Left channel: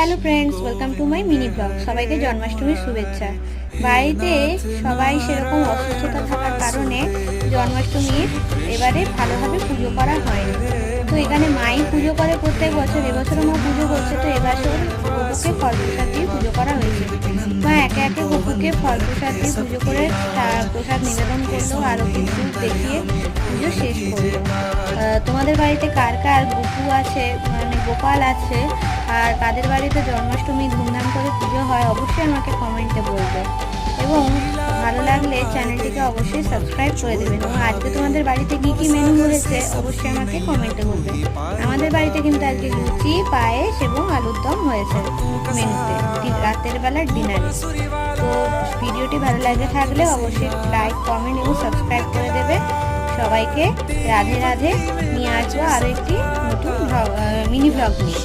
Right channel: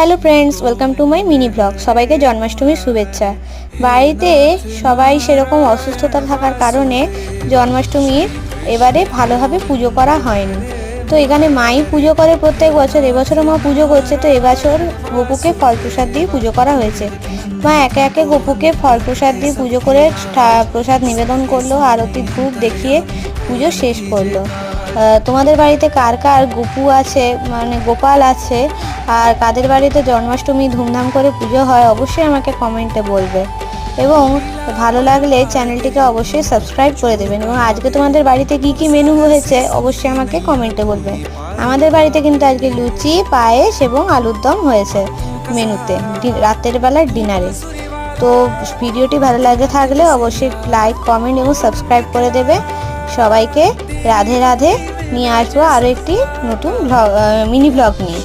Hello friends, welcome to my mini blog. সবাইকে জন্মাষ্টমীর শুভেচ্ছা। বাড়িতে সবাই সেরকম অসুস্থতা থাকার কারণে জন্মাষ্টমীর এবারে ভালোভাবে পুজো করা হয়নি। তো এখানে মাই পুজো করে প্রত্যেক বছর, এবছরও মা পুজো করছে। তো এবছর গপুকে ফল প্রসাদ দিয়ে পুজো করা হয়েছে। মা একে একে গপুকে ফল প্রসাদ দিয়ে পুজো করে প্রসাদ নিবেদন করলো, আরতি ধূপ দেখিয়ে পুজো শেষ করলো। তোমাদের বাড়িতে কার কার গপু আছে, মানে গোপাল আছে, আর কাদের বাড়িতে জন্মাষ্টমী ধুমধাম করে পুজো হয়, অবশ্যই আমাকে কমেন্টে বলবে। এবং ভালো লাগলে চ্যানেলটিকে অবশ্যই সাবস্ক্রাইব করে দেবেন। এবং আজকে তোমাদের বাড়িতে কি কি মেনু হয়েছে অবশ্যই আমাকে কমেন্টে বলবে। আমাদের বাড়িতে কিন্তু আজকে লুচি, পায়েস এবং আলুর দম হয়েছে মেনুতে, রাতের বেলার ডিনারে। তো ভিডিওটি ভালো লাগে থাকলে অবশ্যই লাইক, কমেন্ট এবং সাবস্ক্রাইব করে দেবে। সবাইকে রাধে রাধে। নিয়ে আসবো আরও একটি নতুন মিনি ব্লগ নিয়ে।